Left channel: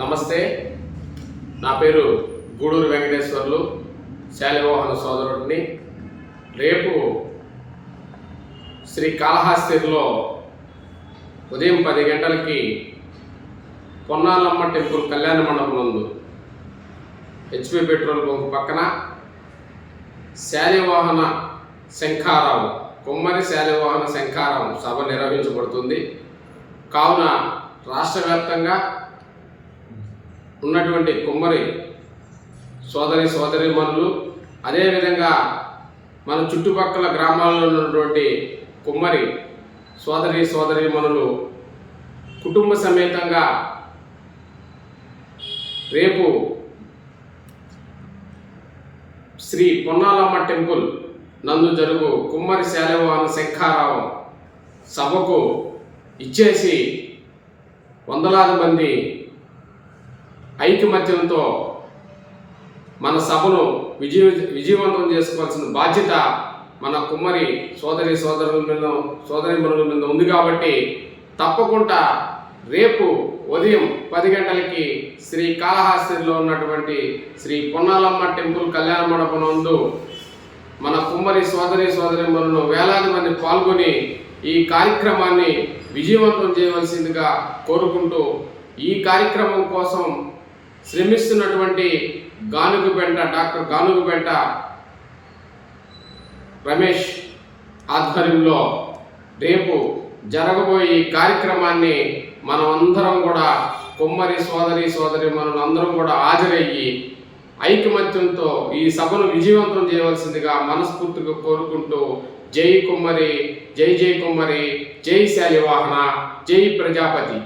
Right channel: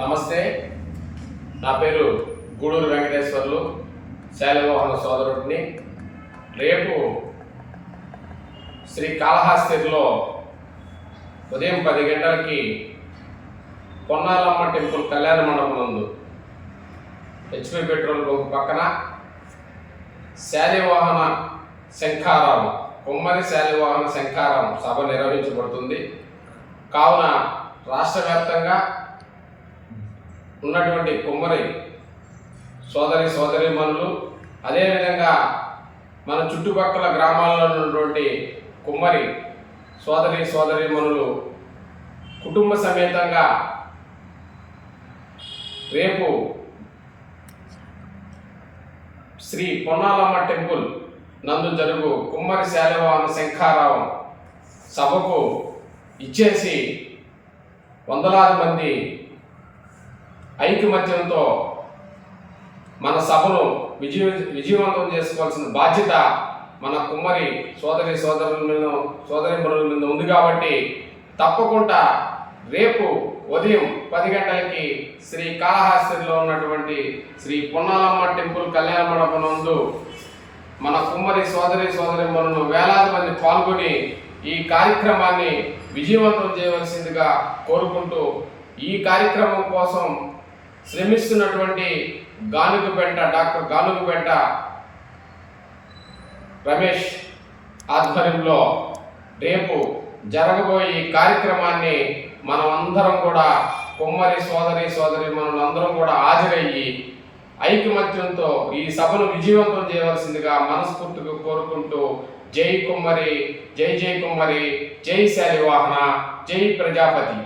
నమస్తే. నా పేరు గూడూరు వెంకటేశ్వర్లు, శాలివాహన సోదరుడిని. రేపు శ్రీ కాళహస్తిలో ఉదయం 10 గంటలకి పొన్నాలమ్మ టెంపుల్ కళ్యాణ మండపం నందు హెచ్పి పెట్రోల్ బంక్ పక్కన శాలివాహన శంఖారావం, కుమ్మరి శాలివాహన శంఖారావం సభ నిర్వహించబడుతుంది. కావున రాష్ట్ర వ్యాప్తంగా ఉన్నటువంటి కుమ్మరి సోదరీమణులు, అదేవిధంగా మన చుట్టుపక్కల గ్రామాల్లో ఉన్నటువంటి కుమ్మరి సోదరీమణులు కుటుంబ సమేతంగా రేపు శ్రీ పొన్నాలమ్మ టెంపుల్ నందు జరుగు కుమ్మరి శాలివాహన శంఖారావం సభకు ఇచ్చేసి వందలాది మంది ఐకమత్యంతో మన సభను విజయవంతం చేసుకోవాల్సిన బాధ్యత మన కుమ్మరి సోదరీమణుల మీద ఉంది. కాబట్టి తప్పకుండా రేపు ఉదయం 10 గంటలకి శ్రీ కాళహస్తిలో ఉన్నటువంటి శ్రీ పొన్నాలమ్మ టెంపుల్ కళ్యాణ మండపం నందు మన కుమ్మరి సోదరీమణులను వేలాది మంది పాల్గొని ఈ కార్యక్రమాన్ని విజయవంతం చేయవలసిందిగా కోరుకుంటూ, ఈ కార్యక్రమం కోసం శ్రమిస్తున్నటువంటి డాక్టర్ గానుగుపెంట రమేష్ ఆధ్వర్యంలో రేపు జరగబోయే ఈ కార్యక్రమాన్ని మనమందరం కూడా కుమ్మరి సోదరీమణులు అందరం కూడా హాజరయ్యి ఐకమత్యంతో ఈ సభను విజయవంతం చేయవలసిందిగా మనస్ఫూర్తిగా కోరుకుంటూ, జై కుమ్మరి, జై కుమ్మరి, జై శాలివాహన, జై ప్రజాపతి.